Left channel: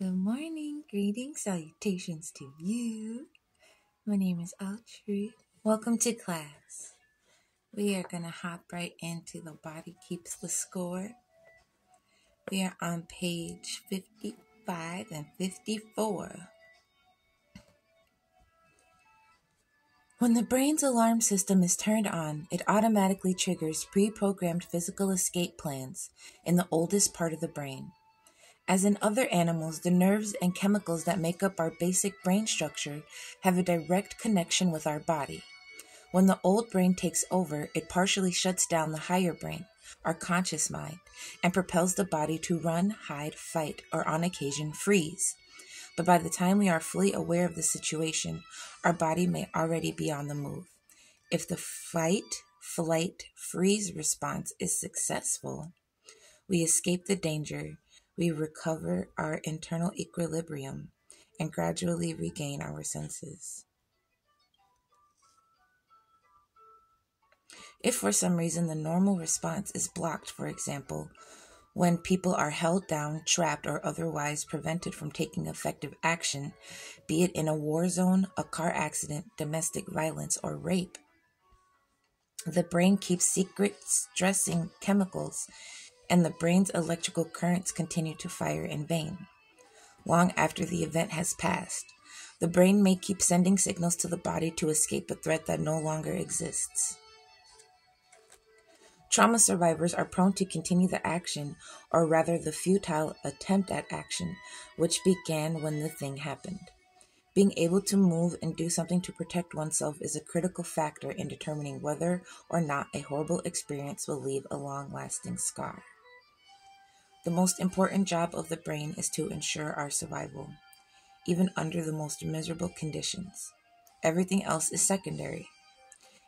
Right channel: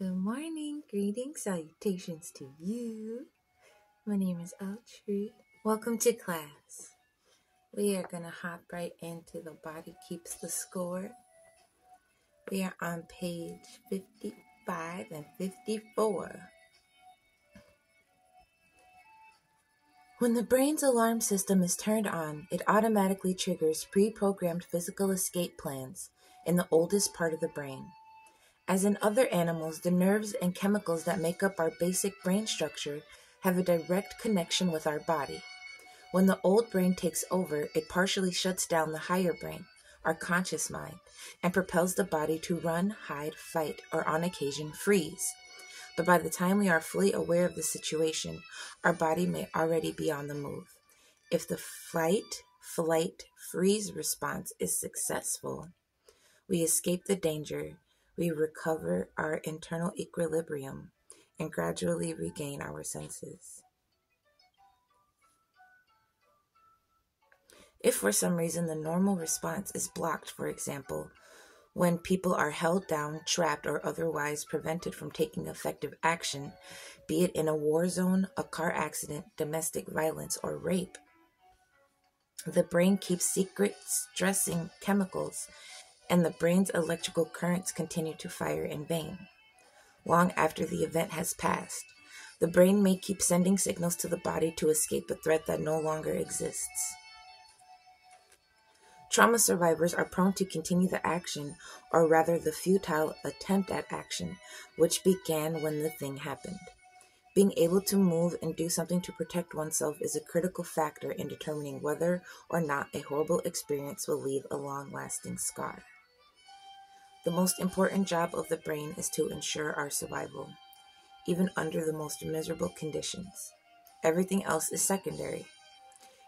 Good morning, greetings, salutations to you. My name is Alu-tru. Welcome to class. We are going to hop right into The Body Keeps the Score. We are on page 55 and 54. When the brain's alarm system is turned on, it automatically triggers pre-programmed physical escape plans in the oldest part of the brain. As in other animals, the nerves and chemicals that make up our basic brain structure have a direct connection with our body. When the old brain takes over, it partially shuts down the higher brain, our conscious mind, and propels the body to run, hide, fight, or on occasion freeze. But by the time we are fully aware of the situation, our body may already be on the move. If the fight, flight, freeze response is successful, we escape the danger, we recover our internal equilibrium, and gradually regain our senses. If for some reason the normal response is blocked, for example, when people are held down, trapped, or otherwise prevented from taking effective action, be it in a war zone, a car accident, domestic violence, or rape, the brain keeps secret stressing chemicals, and the brain's electrical currents continue to fire in vain. Long after the event has passed, the brain may keep sending signals to the body to escape a threat that no longer exists. Trauma survivors are prone to continue the action, or rather the futile attempt at action, which began when the thing happened. Being able to move and do something to protect oneself is a critical factor in determining whether or not a horrible experience will leave a long-lasting scar. The most important job of the brain is to ensure our survival, even under the most miserable conditions. Everything else is secondary.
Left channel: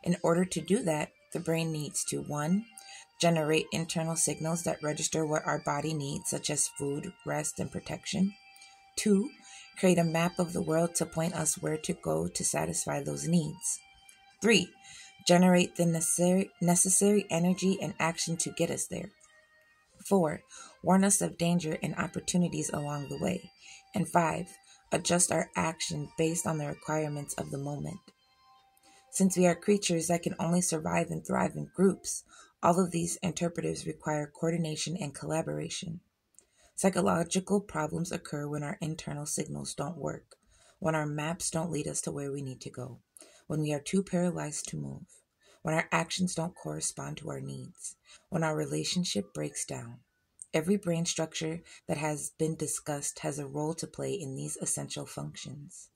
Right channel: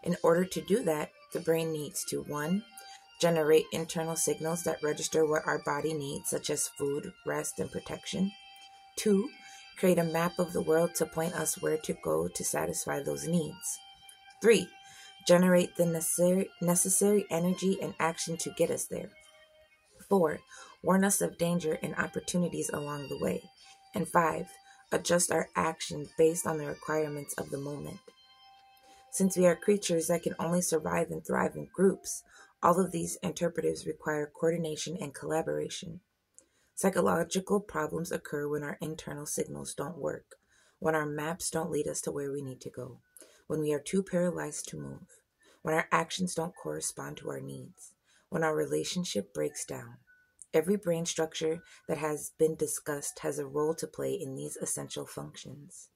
In order to do that, the brain needs to 1. Generate internal signals that register what our body needs, such as food, rest, and protection. 2. Create a map of the world to point us where to go to satisfy those needs. 3. Generate the necessary energy and action to get us there. 4. Warn us of danger and opportunities along the way. And 5. Adjust our action based on the requirements of the moment. Since we are creatures that can only survive and thrive in groups, all of these interpretives require coordination and collaboration. Psychological problems occur when our internal signals don't work, when our maps don't lead us to where we need to go, when we are too paralyzed to move, when our actions don't correspond to our needs, when our relationship breaks down. Every brain structure that has been discussed has a role to play in these essential functions.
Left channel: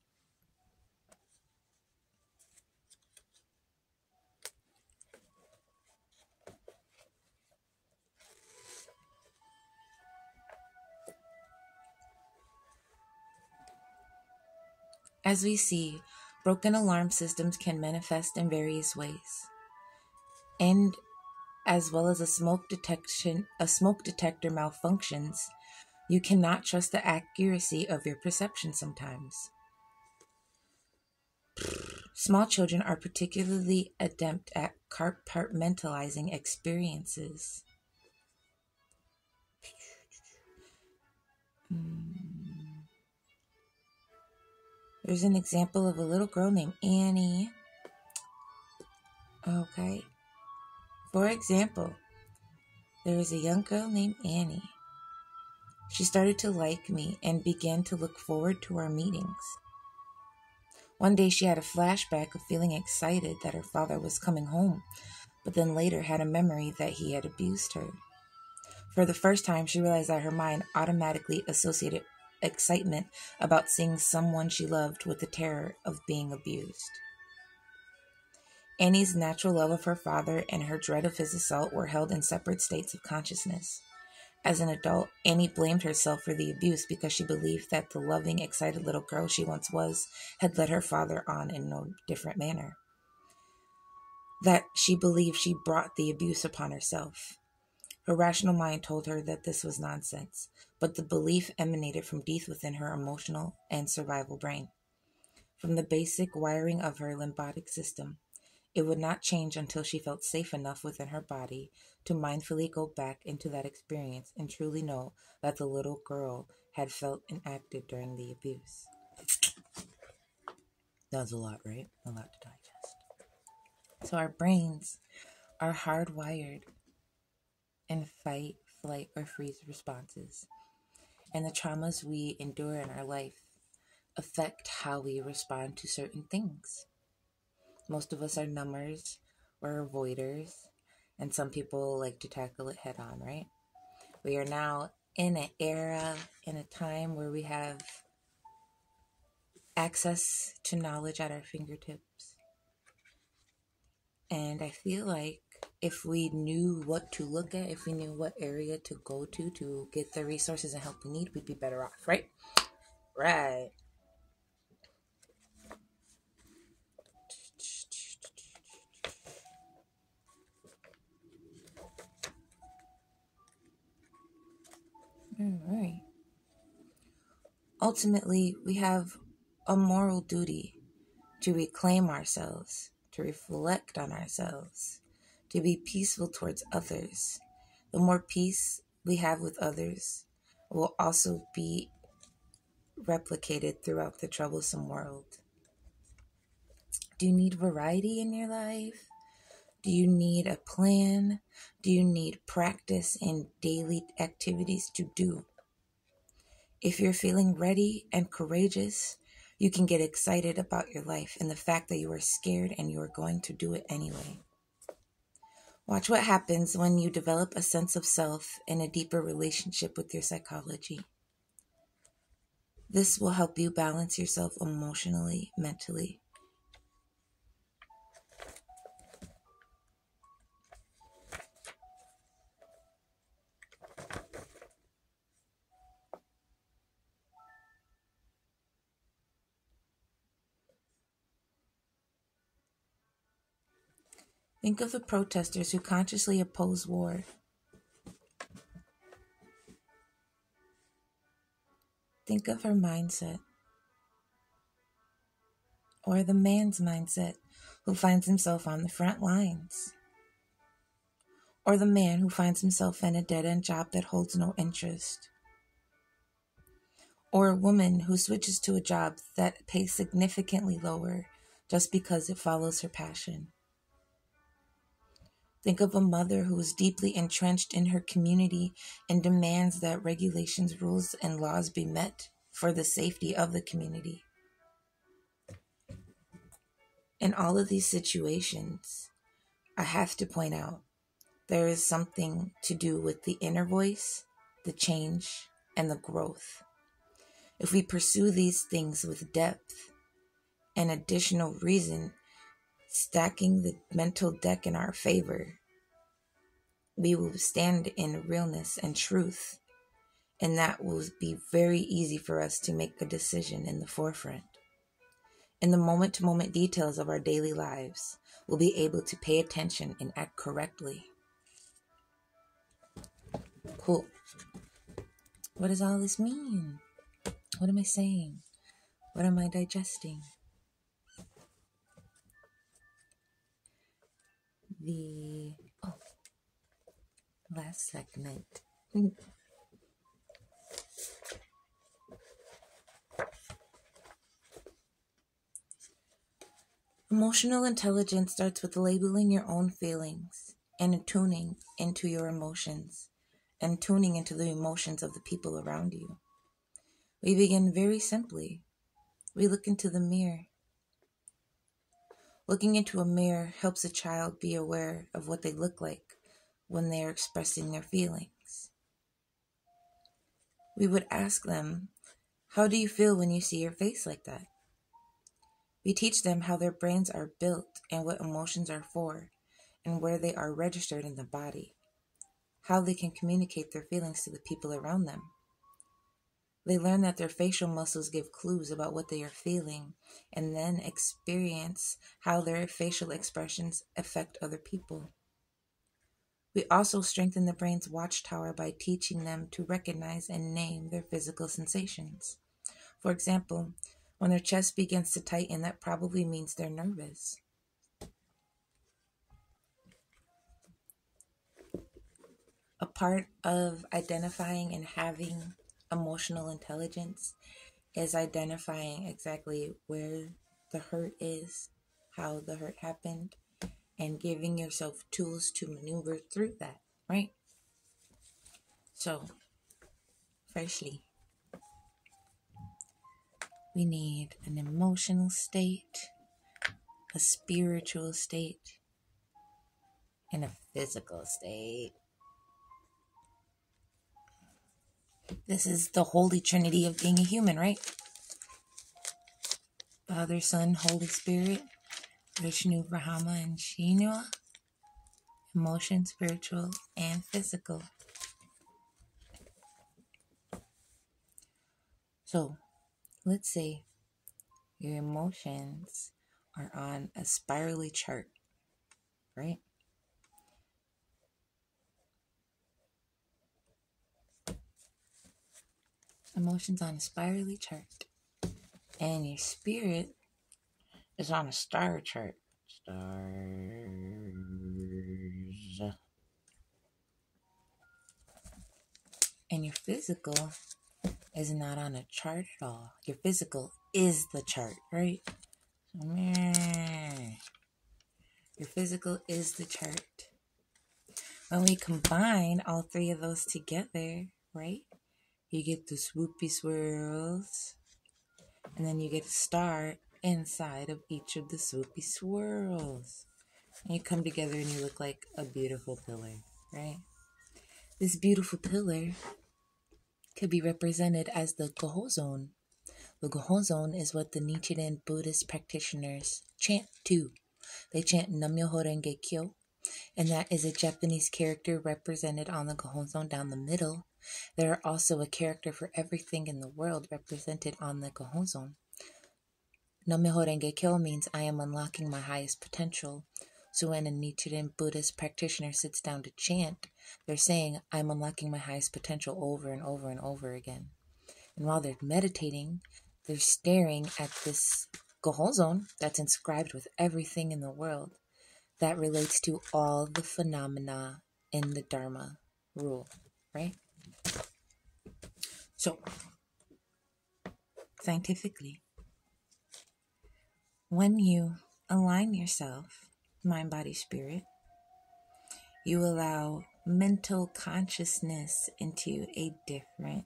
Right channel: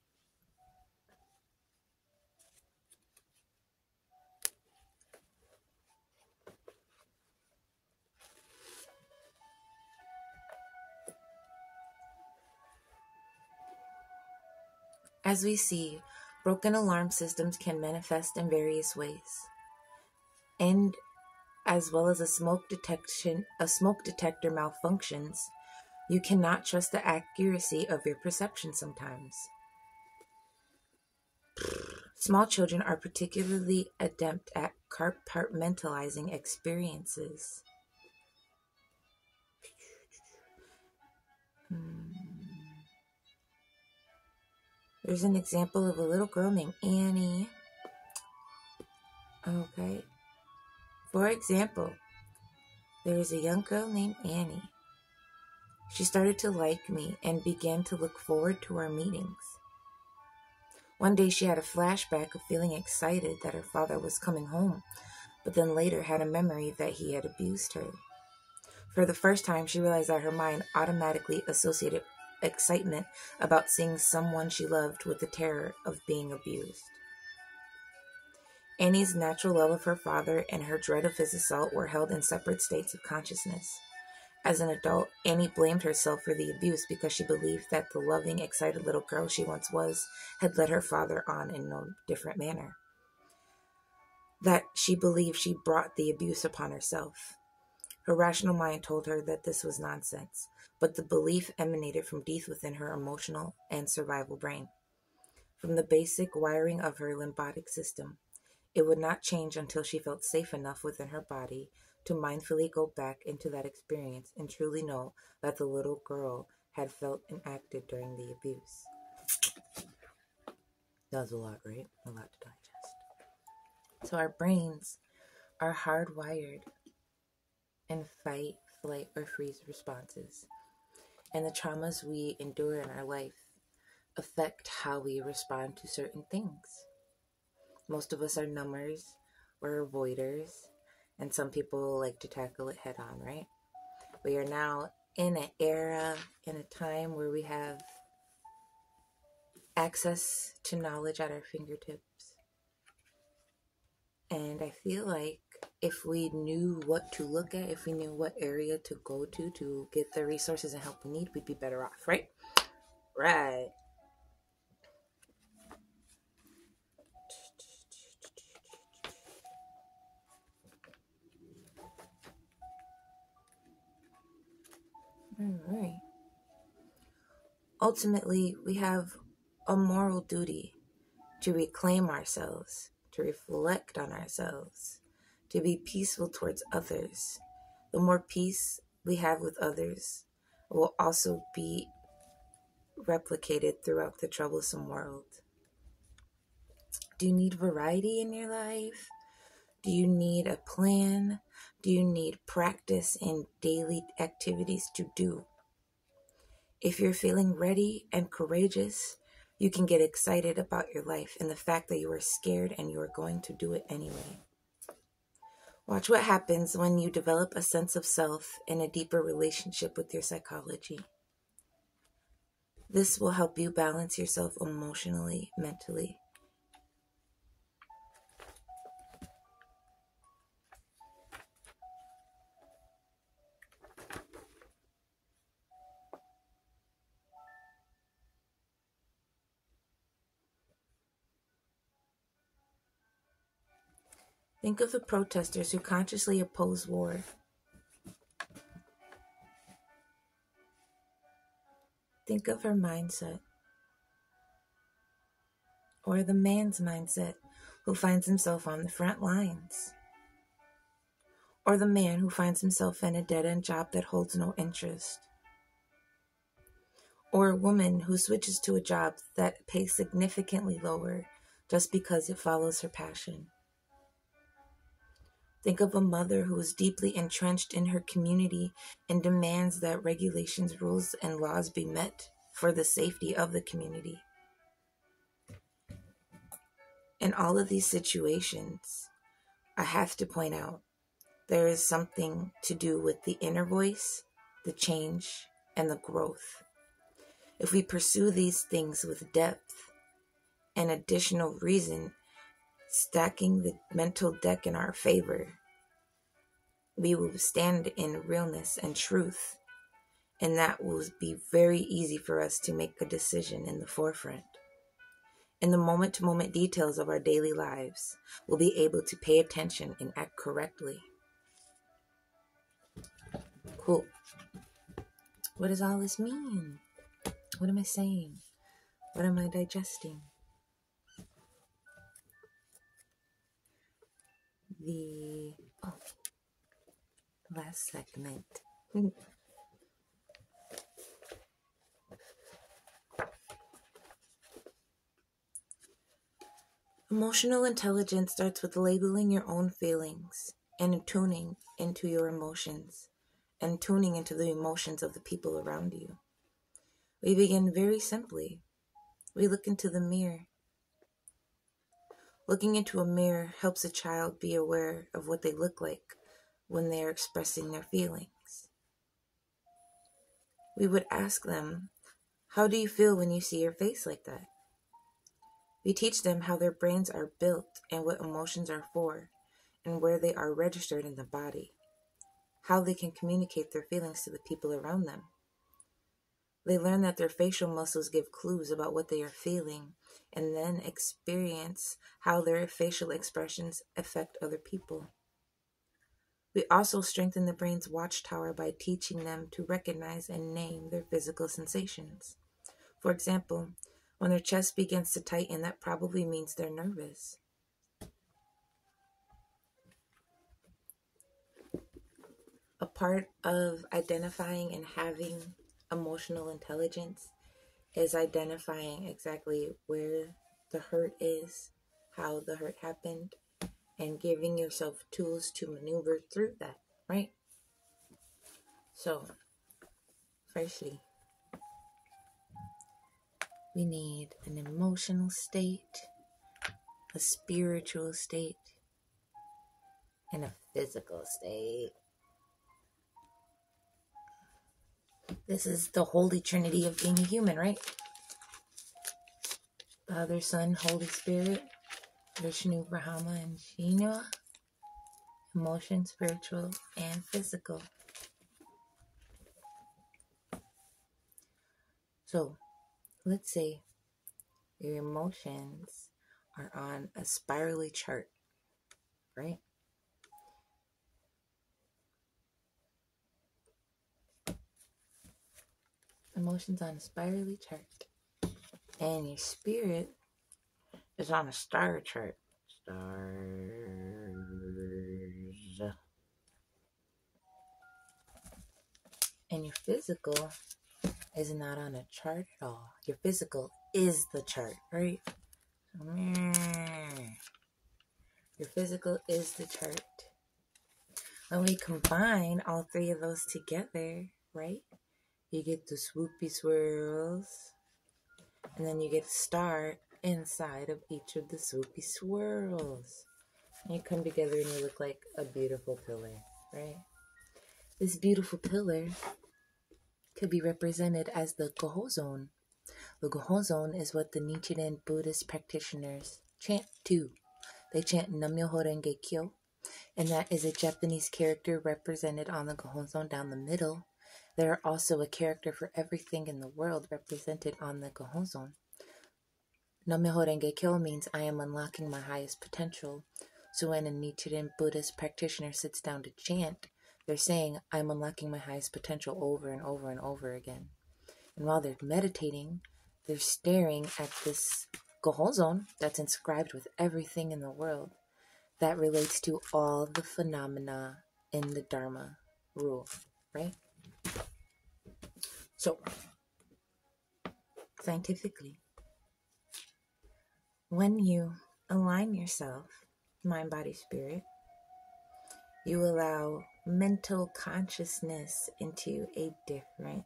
As we see, broken alarm systems can manifest in various ways, and as well as a smoke detector malfunctions, you cannot trust the accuracy of your perception sometimes. Small children are particularly adept at compartmentalizing experiences. There's an example of a little girl named Annie. Okay. For example, there is a young girl named Annie. She started to like me and began to look forward to our meetings. One day she had a flashback of feeling excited that her father was coming home, but then later had a memory that he had abused her. For the first time, she realized that her mind automatically associated excitement about seeing someone she loved with the terror of being abused. Annie's natural love of her father and her dread of his assault were held in separate states of consciousness. As an adult, Annie blamed herself for the abuse because she believed that the loving, excited little girl she once was had led her father on in no different manner. That she believed she brought the abuse upon herself. Her rational mind told her that this was nonsense, but the belief emanated from deep within her emotional and survival brain. From the basic wiring of her limbic system, it would not change until she felt safe enough within her body to mindfully go back into that experience and truly know that the little girl had felt and acted during the abuse. That was a lot, right? A lot to digest. So our brains are hardwired in fight, flight, or freeze responses. And the traumas we endure in our life affect how we respond to certain things. Most of us are numbers or avoiders, and some people like to tackle it head on, right? We are now in an era, in a time where we have access to knowledge at our fingertips. And I feel like if we knew what to look at, if we knew what area to go to get the resources and help we need, we'd be better off, right? Right. All right. Ultimately, we have a moral duty to reclaim ourselves, to reflect on ourselves, to be peaceful towards others. The more peace we have with others will also be replicated throughout the troublesome world. Do you need variety in your life? Do you need a plan? Do you need practice in daily activities to do? If you're feeling ready and courageous, you can get excited about your life and the fact that you are scared and you are going to do it anyway. Watch what happens when you develop a sense of self and a deeper relationship with your psychology. This will help you balance yourself emotionally, mentally. Think of the protesters who consciously oppose war. Think of her mindset. Or the man's mindset who finds himself on the front lines. Or the man who finds himself in a dead-end job that holds no interest. Or a woman who switches to a job that pays significantly lower just because it follows her passion. Think of a mother who is deeply entrenched in her community and demands that regulations, rules, and laws be met for the safety of the community. In all of these situations, I have to point out, there is something to do with the inner voice, the change, and the growth. If we pursue these things with depth and additional reason, stacking the mental deck in our favor, we will stand in realness and truth, and that will be very easy for us to make a decision in the forefront. In the moment-to-moment details of our daily lives, we'll be able to pay attention and act correctly. Cool. What does all this mean? What am I saying? What am I digesting? Last segment. Emotional intelligence starts with labeling your own feelings and tuning into your emotions and tuning into the emotions of the people around you. We begin very simply. We look into the mirror. Looking into a mirror helps a child be aware of what they look like when they are expressing their feelings. We would ask them, how do you feel when you see your face like that? We teach them how their brains are built and what emotions are for and where they are registered in the body, how they can communicate their feelings to the people around them. They learn that their facial muscles give clues about what they are feeling and then experience how their facial expressions affect other people. We also strengthen the brain's watchtower by teaching them to recognize and name their physical sensations. For example, when their chest begins to tighten, that probably means they're nervous. A part of identifying and having emotional intelligence is identifying exactly where the hurt is, how the hurt happened, and giving yourself tools to maneuver through that, right? So, firstly, we need an emotional state, a spiritual state, and a physical state. This is the holy trinity of being a human, right? Father, Son, Holy Spirit, Vishnu, Brahma, and Shinua. Emotion, spiritual, and physical. So, let's say your emotions are on a spirally chart, right? Emotions on a spirally chart. And your spirit is on a star chart. Stars. And your physical is not on a chart at all. Your physical is the chart, right? So, your physical is the chart. When we combine all three of those together, right? You get the swoopy swirls. And then you get a star inside of each of the swoopy swirls. And you come together and you look like a beautiful pillar, right? This beautiful pillar could be represented as the Gohozon. The Gohozon is what the Nichiren Buddhist practitioners chant to. They chant Nam-myoho Renge Kyo, and that is a Japanese character represented on the Gohozon down the middle. There are also a character for everything in the world represented on the Gohozon. Nam-myoho Renge Kyo means I am unlocking my highest potential. So when a Nichiren Buddhist practitioner sits down to chant, they're saying, I'm unlocking my highest potential over and over and over again. And while they're meditating, they're staring at this Gohozon that's inscribed with everything in the world that relates to all the phenomena in the Dharma rule, right? So, scientifically, when you align yourself, mind, body, spirit, you allow mental consciousness into a different,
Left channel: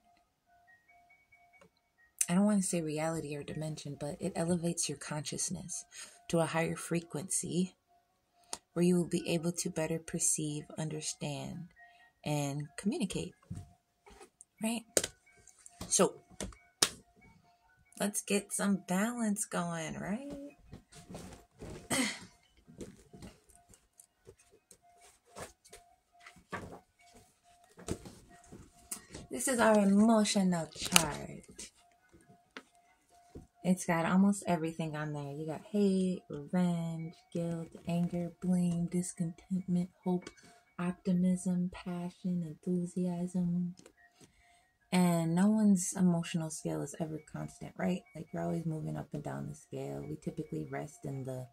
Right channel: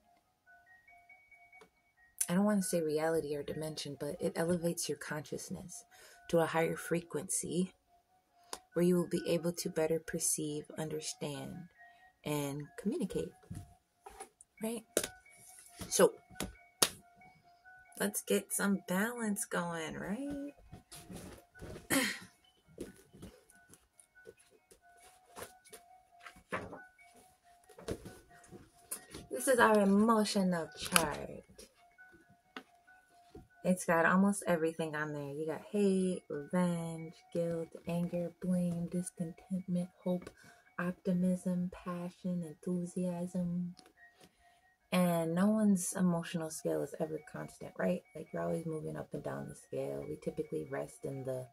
I don't want to say reality or dimension, but it elevates your consciousness to a higher frequency where you will be able to better perceive, understand, and communicate, right? So, let's get some balance going, right? This is our emotional chart. It's got almost everything on there. You got hate, revenge, guilt, anger, blame, discontentment, hope, optimism, passion, enthusiasm. And no one's emotional scale is ever constant, right? Like you're always moving up and down the scale. We typically rest in the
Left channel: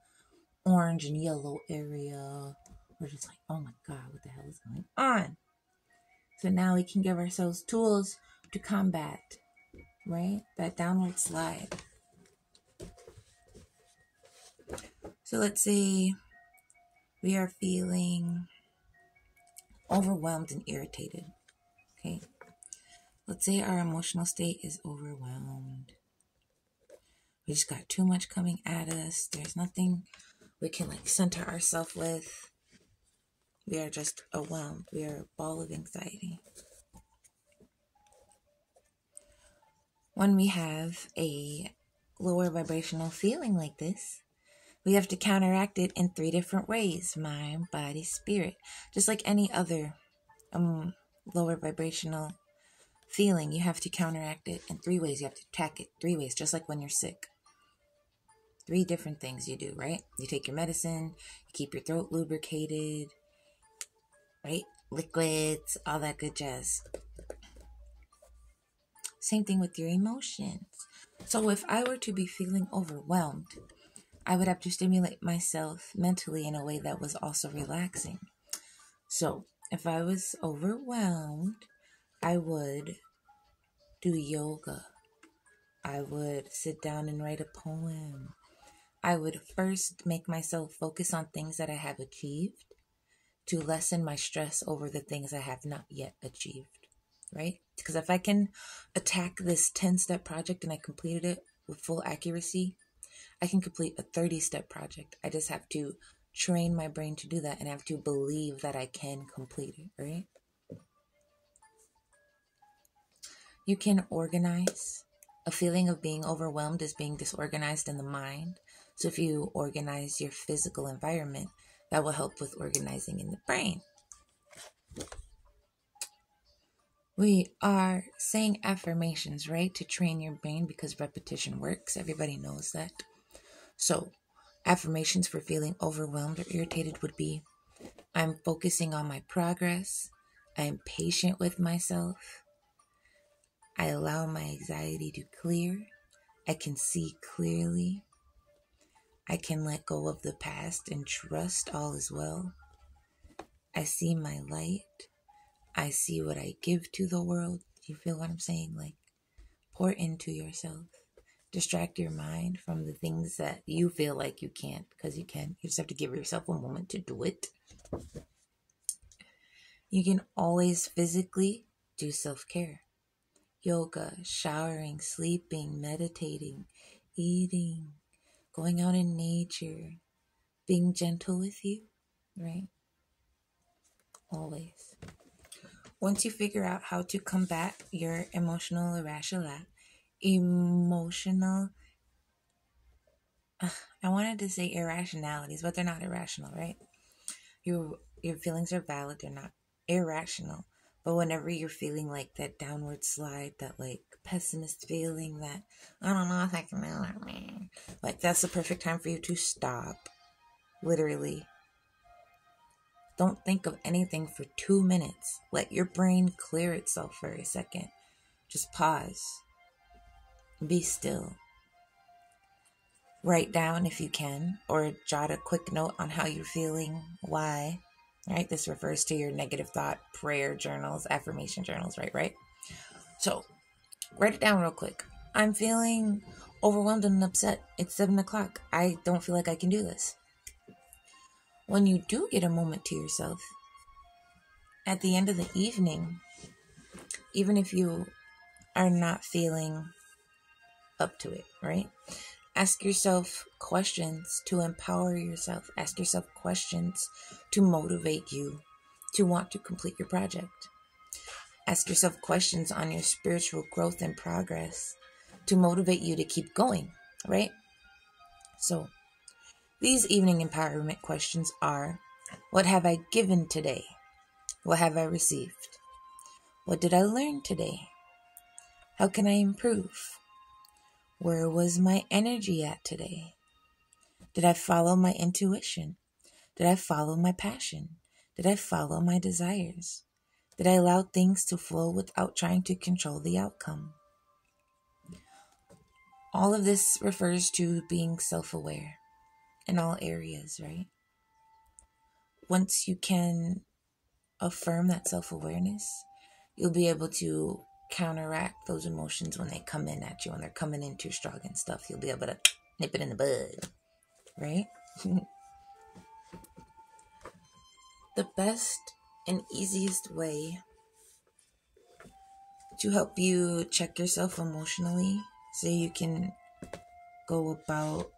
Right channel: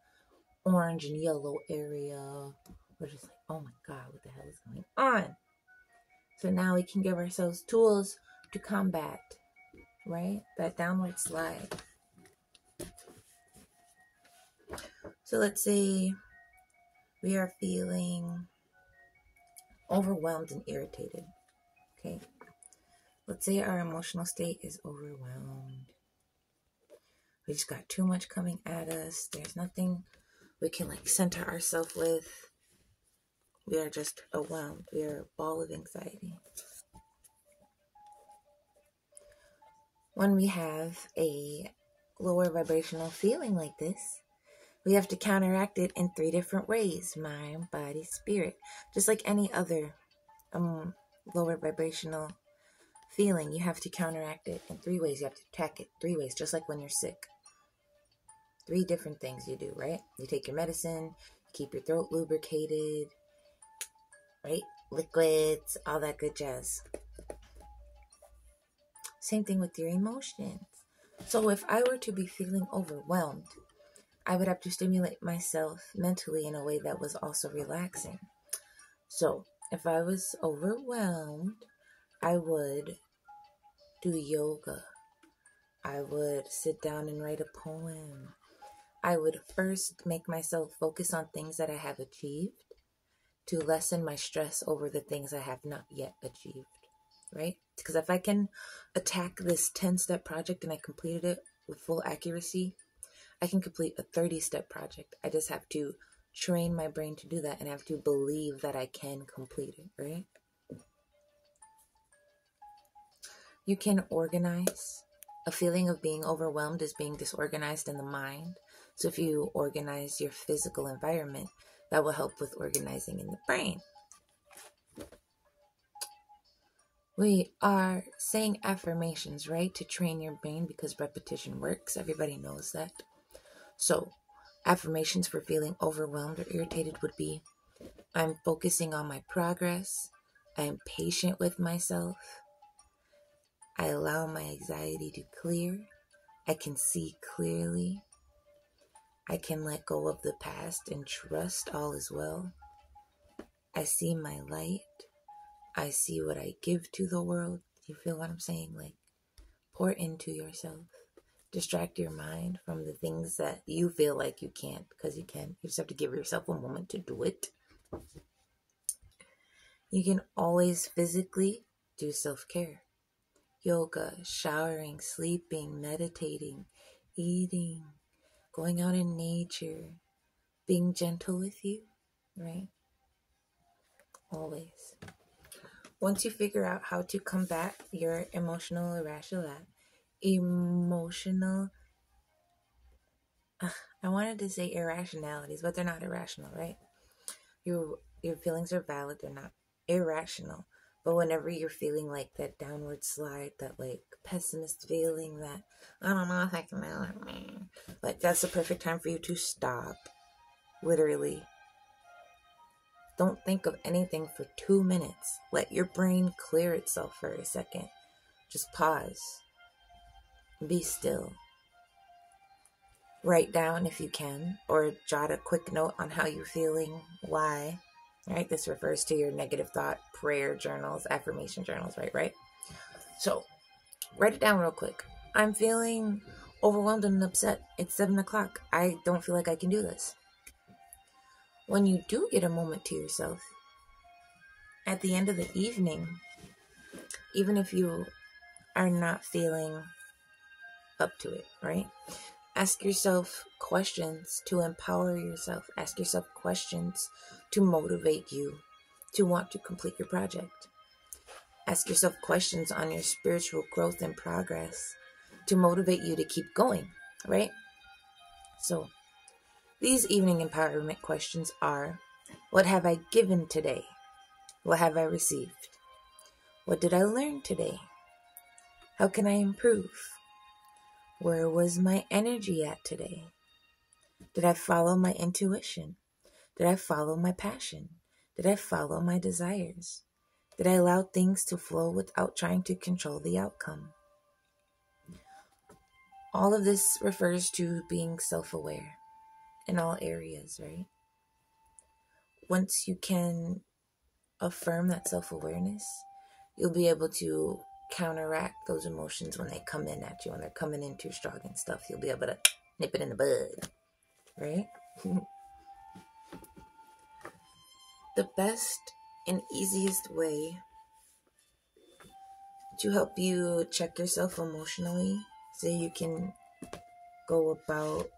orange and yellow area. We're just like, oh my God, what the hell is going on? So now we can give ourselves tools to combat, right? That downward slide. So let's say we are feeling overwhelmed and irritated, okay? Let's say our emotional state is overwhelmed. We just got too much coming at us. There's nothing we can like center ourselves with. We are just overwhelmed. We are a ball of anxiety. When we have a lower vibrational feeling like this, we have to counteract it in 3 different ways: mind, body, spirit. Just like any other lower vibrational feeling, you have to counteract it in 3 ways. You have to attack it 3 ways, just like when you're sick. 3 different things you do, right? You take your medicine, you keep your throat lubricated, right? Liquids, all that good jazz. Same thing with your emotions. So if I were to be feeling overwhelmed, I would have to stimulate myself mentally in a way that was also relaxing. So If I was overwhelmed, I would do yoga. I would sit down and write a poem. I would first make myself focus on things that I have achieved to lessen my stress over the things I have not yet achieved, right? Because if I can attack this 10-step project and I completed it with full accuracy, I can complete a 30-step project. I just have to train my brain to do that and have to believe that I can complete it, right? You can organize. A feeling of being overwhelmed is being disorganized in the mind. So if you organize your physical environment, that will help with organizing in the brain. We are saying affirmations, right? To train your brain because repetition works. Everybody knows that. So affirmations for feeling overwhelmed or irritated would be, I'm focusing on my progress. I'm patient with myself. I allow my anxiety to clear. I can see clearly. I can let go of the past and trust all is well. I see my light. I see what I give to the world. You feel what I'm saying? Like, pour into yourself. Distract your mind from the things that you feel like you can't, because you can. You just have to give yourself a moment to do it. You can always physically do self-care. Yoga, showering, sleeping, meditating, eating, going out in nature, being gentle with you, right? Always. Once you figure out how to combat your emotional I wanted to say irrationalities, but they're not irrational, right? Your feelings are valid, they're not irrational. But whenever you're feeling like that downward slide, that like pessimist feeling, that I don't know if I can do it, like that's the perfect time for you to stop. Literally. Don't think of anything for 2 minutes. Let your brain clear itself for a second. Just pause. Be still. Write down if you can, or jot a quick note on how you're feeling, why. Right? This refers to your negative thought, prayer journals, affirmation journals, right? So, write it down real quick. I'm feeling overwhelmed and upset. It's 7 o'clock. I don't feel like I can do this. When you do get a moment to yourself, at the end of the evening, even if you are not feeling up to it, right? Ask yourself questions to empower yourself. Ask yourself questions to motivate you to want to complete your project. Ask yourself questions on your spiritual growth and progress to motivate you to keep going, right? So, these evening empowerment questions are, what have I given today? What have I received? What did I learn today? How can I improve? Where was my energy at today? Did I follow my intuition? Did I follow my passion? Did I follow my desires? Did I allow things to flow without trying to control the outcome? All of this refers to being self-aware in all areas, right? Once you can affirm that self-awareness, you'll be able to counteract those emotions when they come in at you, when they're coming in too strong and stuff. You'll be able to nip it in the bud, right? The best and easiest way to help you check yourself emotionally so you can go about,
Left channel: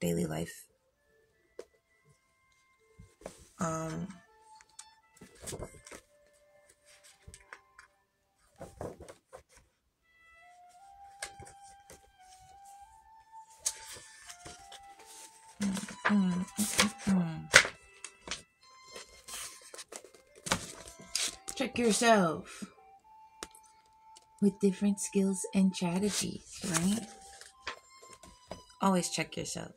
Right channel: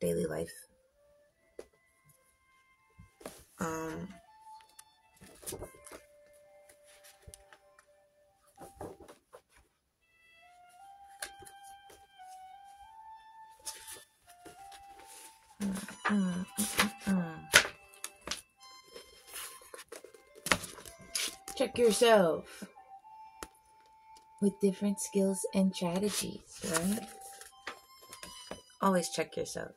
daily life. Check yourself with different skills and strategies, right? Always check yourself.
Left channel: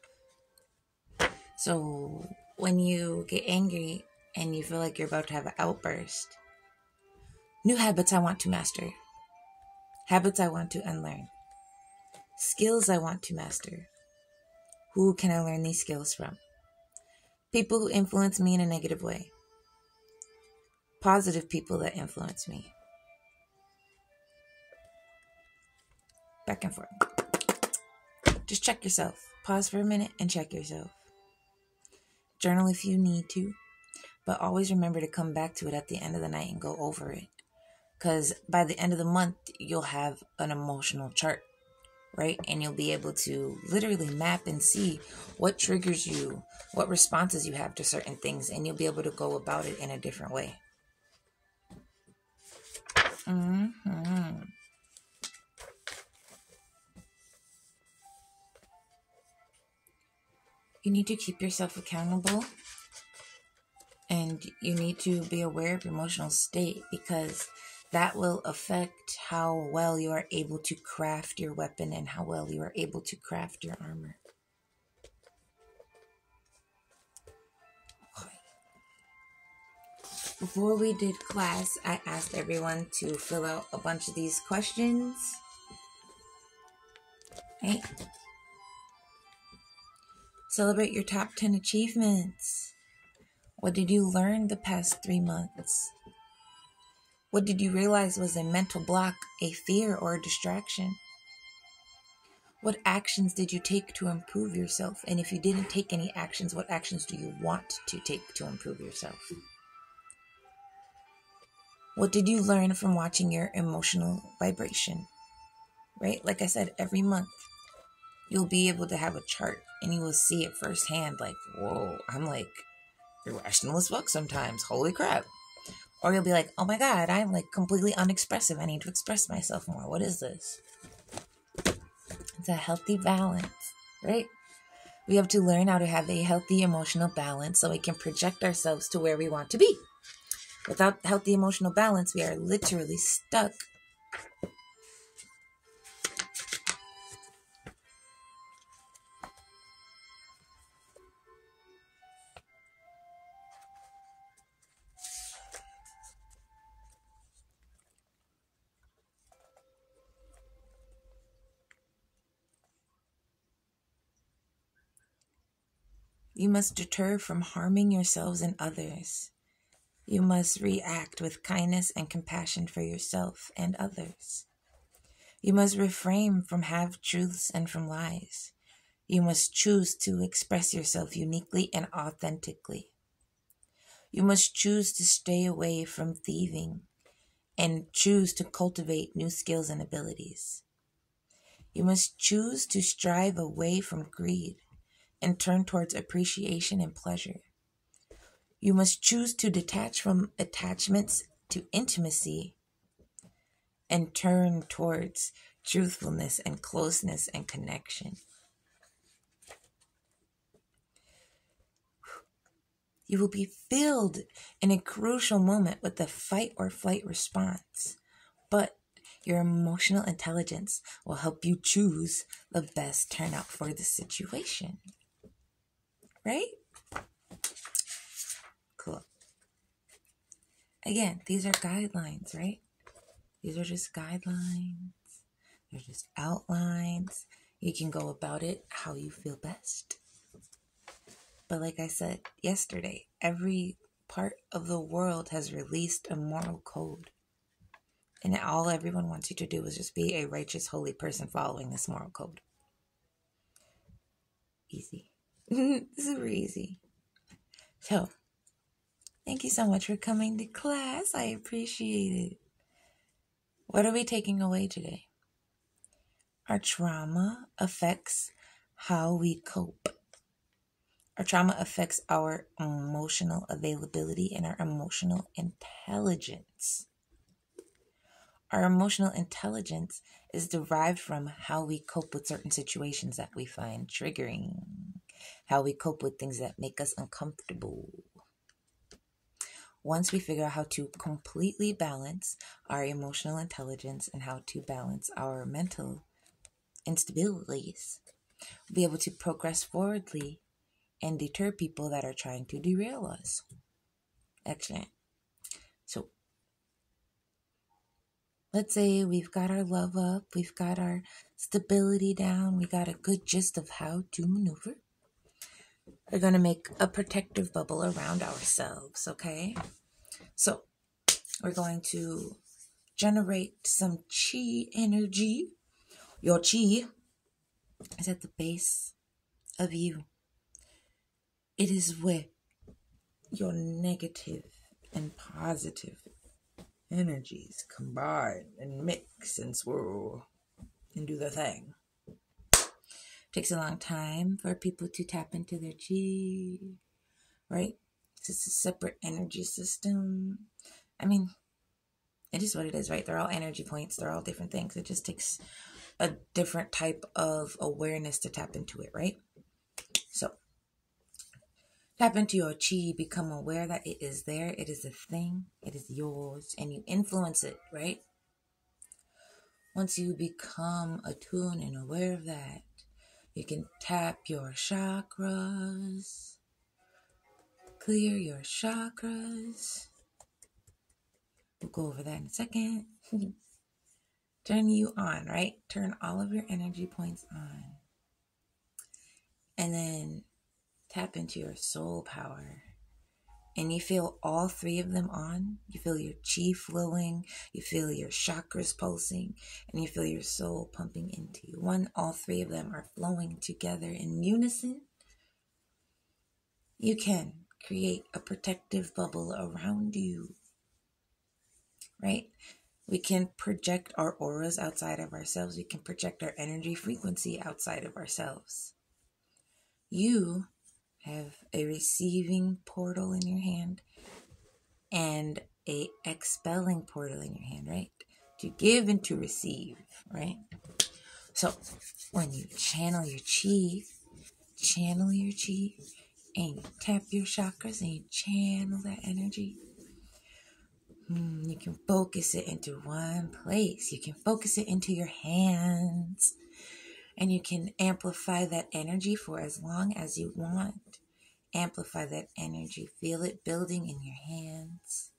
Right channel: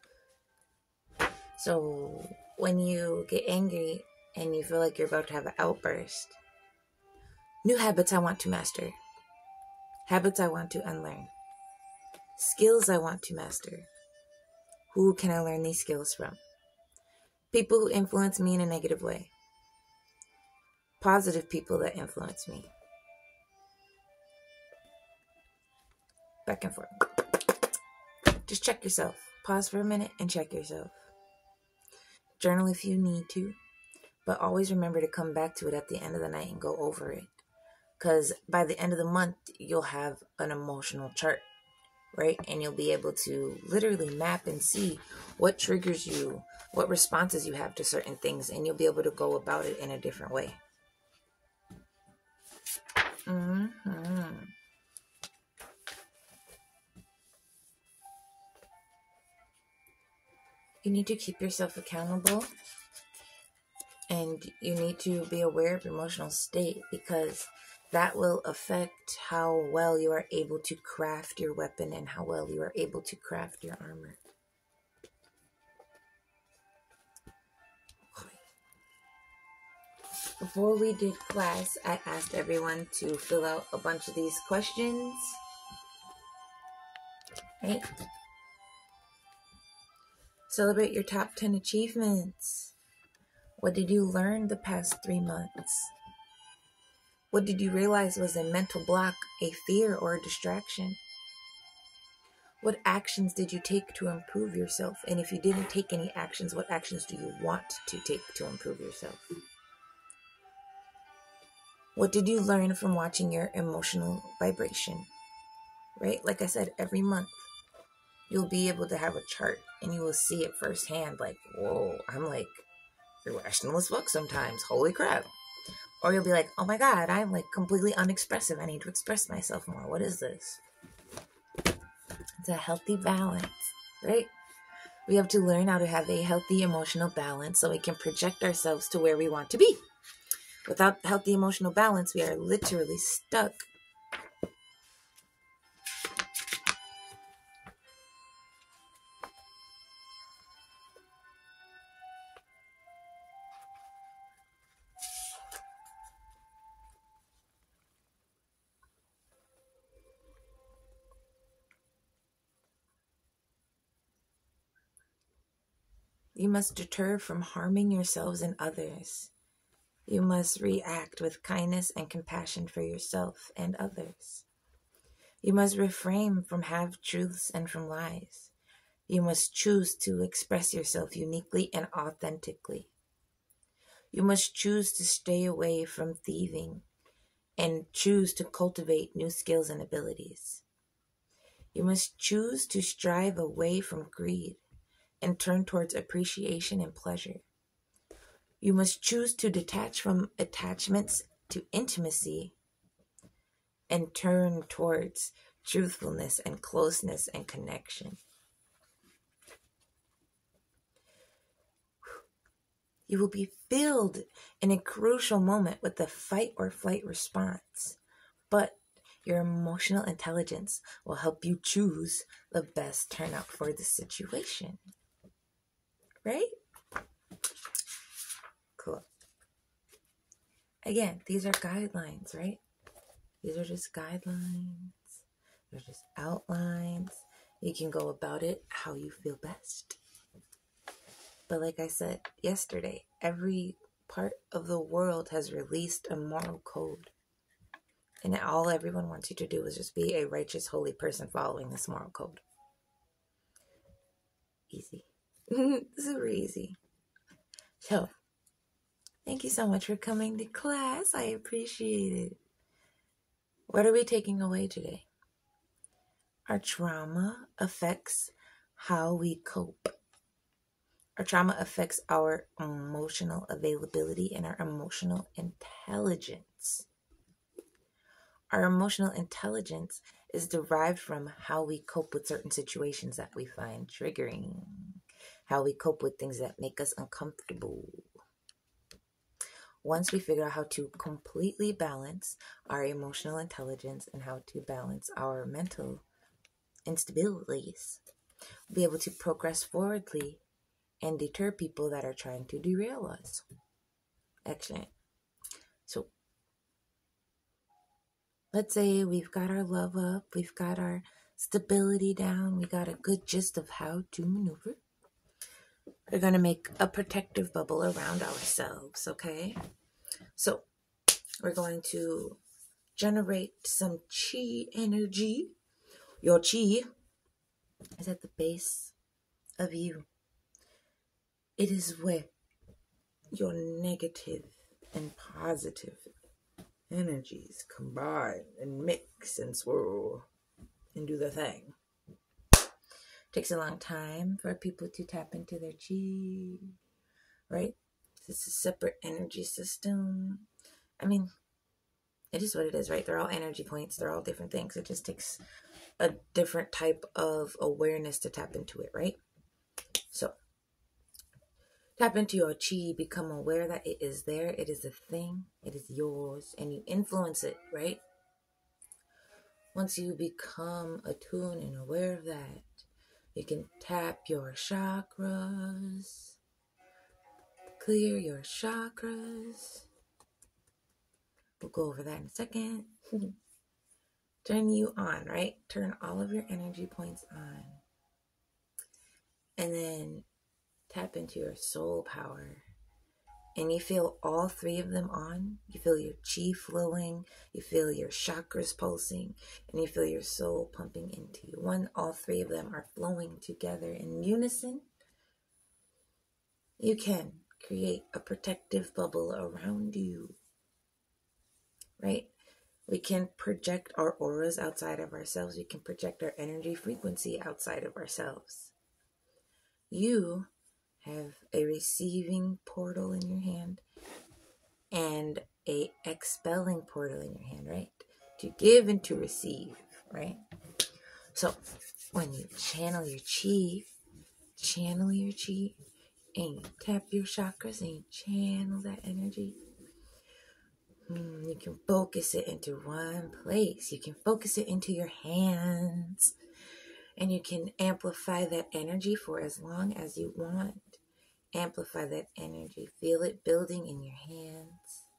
So when you get angry and you feel like you're about to have an outburst, new habits I want to master, habits I want to unlearn, skills I want to master. Who can I learn these skills from? People who influence me in a negative way. positive people that influence me. Back and forth. Just check yourself. Pause for a minute and check yourself. Journal if you need to, but always remember to come back to it at the end of the night and go over it. Because by the end of the month, you'll have an emotional chart, right? And you'll be able to literally map and see what triggers you, what responses you have to certain things, and you'll be able to go about it in a different way. You need to keep yourself accountable, and you need to be aware of your emotional state, because that will affect how well you are able to craft your weapon and how well you are able to craft your armor. Before we did class, I asked everyone to fill out a bunch of these questions. Right? Celebrate your top 10 achievements. What did you learn the past 3 months? What did you realize was a mental block, a fear, or a distraction? What actions did you take to improve yourself? And if you didn't take any actions, what actions do you want to take to improve yourself? What did you learn from watching your emotional vibration? Right? Like I said, every month you'll be able to have a chart and you will see it firsthand. Like, whoa, I'm like irrational as fuck sometimes. Holy crap. Or you'll be like, oh my God, I'm like completely unexpressive. I need to express myself more. What is this? It's a healthy balance, right? We have to learn how to have a healthy emotional balance so we can project ourselves to where we want to be. Without healthy emotional balance, we are literally stuck. You must deter from harming yourselves and others. You must react with kindness and compassion for yourself and others. You must refrain from half-truths and from lies. You must choose to express yourself uniquely and authentically. You must choose to stay away from thieving and choose to cultivate new skills and abilities. You must choose to strive away from greed and turn towards appreciation and pleasure. You must choose to detach from attachments to intimacy and turn towards truthfulness and closeness and connection. You will be filled in a crucial moment with the fight or flight response, but your emotional intelligence will help you choose the best turnout for the situation. Right? Cool. Again, these are guidelines, right? These are just guidelines. They're just outlines. You can go about it how you feel best. But like I said yesterday, every part of the world has released a moral code. And all everyone wants you to do is just be a righteous, holy person following this moral code. Easy. Super easy. So, thank you so much for coming to class. I appreciate it. What are we taking away today? Our trauma affects how we cope. Our trauma affects our emotional availability and our emotional intelligence. Our emotional intelligence is derived from how we cope with certain situations that we find triggering, how we cope with things that make us uncomfortable. Once we figure out how to completely balance our emotional intelligence and how to balance our mental instabilities, we'll be able to progress forwardly and deter people that are trying to derail us. Excellent. So, let's say we've got our love up, we've got our stability down, we got a good gist of how to maneuver. We're going to make a protective bubble around ourselves, okay? So, We're going to generate some chi energy. Your chi is at the base of you. It is where your negative and positive energies combine and mix and swirl and do their thing. Takes a long time for people to tap into their chi, right? It's a separate energy system. I mean, it is what it is, right? They're all energy points. They're all different things. It just takes a different type of awareness to tap into it, right? So, tap into your chi, become aware that it is there, it is a thing, it is yours, and you influence it, right? Once you become attuned and aware of that, you can tap your chakras, clear your chakras. We'll go over that in a second. Turn you on, right? Turn all of your energy points on. And then tap into your soul power. And you feel all three of them on. You feel your chi flowing. You feel your chakras pulsing. And you feel your soul pumping into you. When all three of them are flowing together in unison, you can create a protective bubble around you. Right? We can project our auras outside of ourselves. We can project our energy frequency outside of ourselves. You have a receiving portal in your hand and a expelling portal in your hand, right? To give and to receive, right? So when you channel your chi, and you tap your chakras and you channel that energy, you can focus it into one place. You can focus it into your hands. And you can amplify that energy for as long as you want. Amplify that energy. Feel it building in your hands.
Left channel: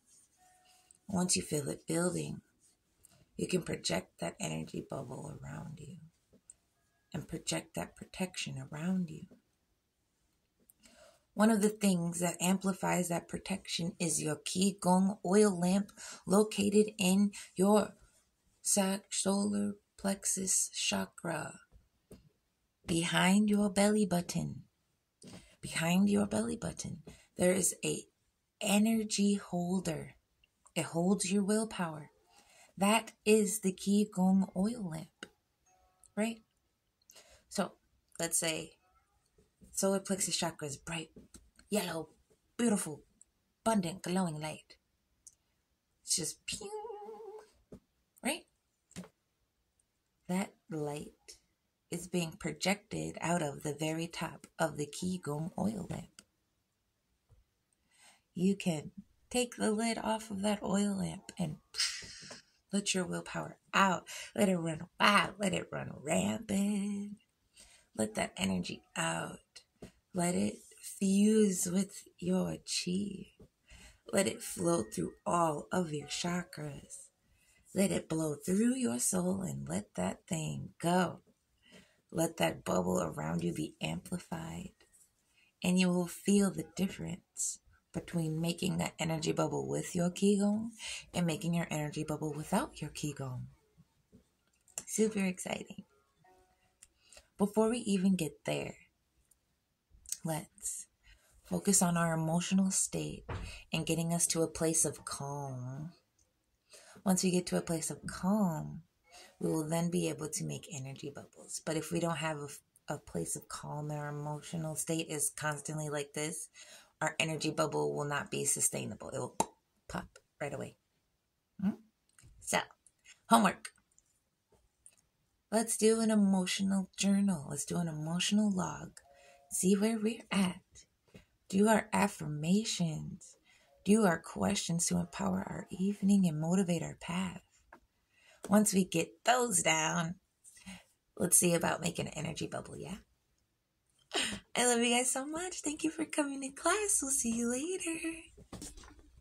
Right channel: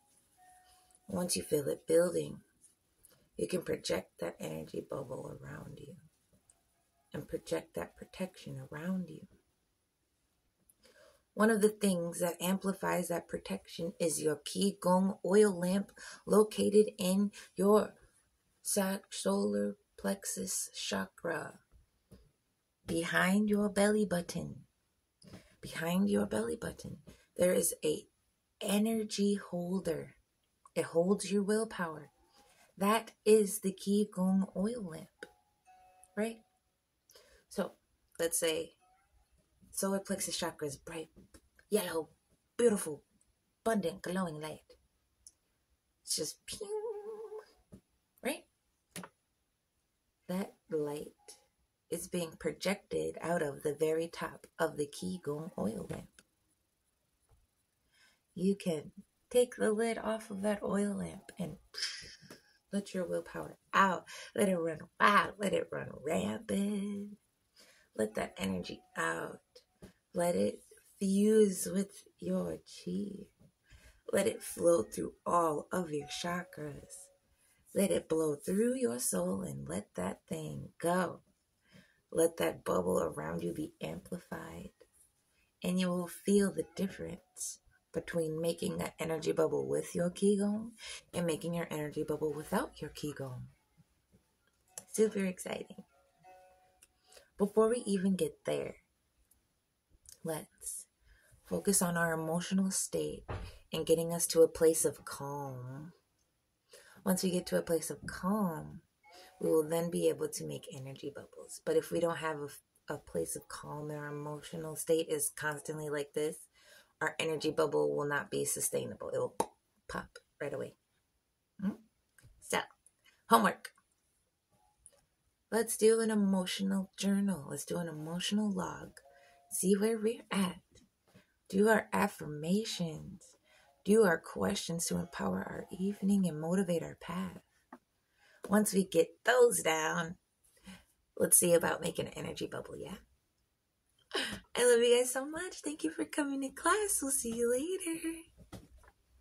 Once you feel it building, you can project that energy bubble around you. And project that protection around you. One of the things that amplifies that protection is your Qigong oil lamp located in your solar plexus chakra. Behind your belly button. Behind your belly button, there is a energy holder. It holds your willpower. That is the Qigong oil lamp, right? So, let's say solar plexus chakra is bright, yellow, beautiful, abundant, glowing light. It's just pew, right? That light is being projected out of the very top of the Qigong oil lamp. You can take the lid off of that oil lamp and let your willpower out. Let it run wild. Let it run rampant. Let that energy out. Let it fuse with your chi. Let it flow through all of your chakras. Let it blow through your soul and let that thing go. Let that bubble around you be amplified. And you will feel the difference between making an energy bubble with your Qigong and making your energy bubble without your Qigong. Super exciting. Before we even get there, let's focus on our emotional state and getting us to a place of calm. Once we get to a place of calm, we will then be able to make energy bubbles. But if we don't have a place of calm, our emotional state is constantly like this, our energy bubble will not be sustainable. It will pop right away. So, homework. Let's do an emotional journal. Let's do an emotional log. See where we're at. Do our affirmations. Do our questions to empower our evening and motivate our path. Once we get those down, let's see about making an energy bubble, yeah? I love you guys so much. Thank you for coming to class. We'll see you later.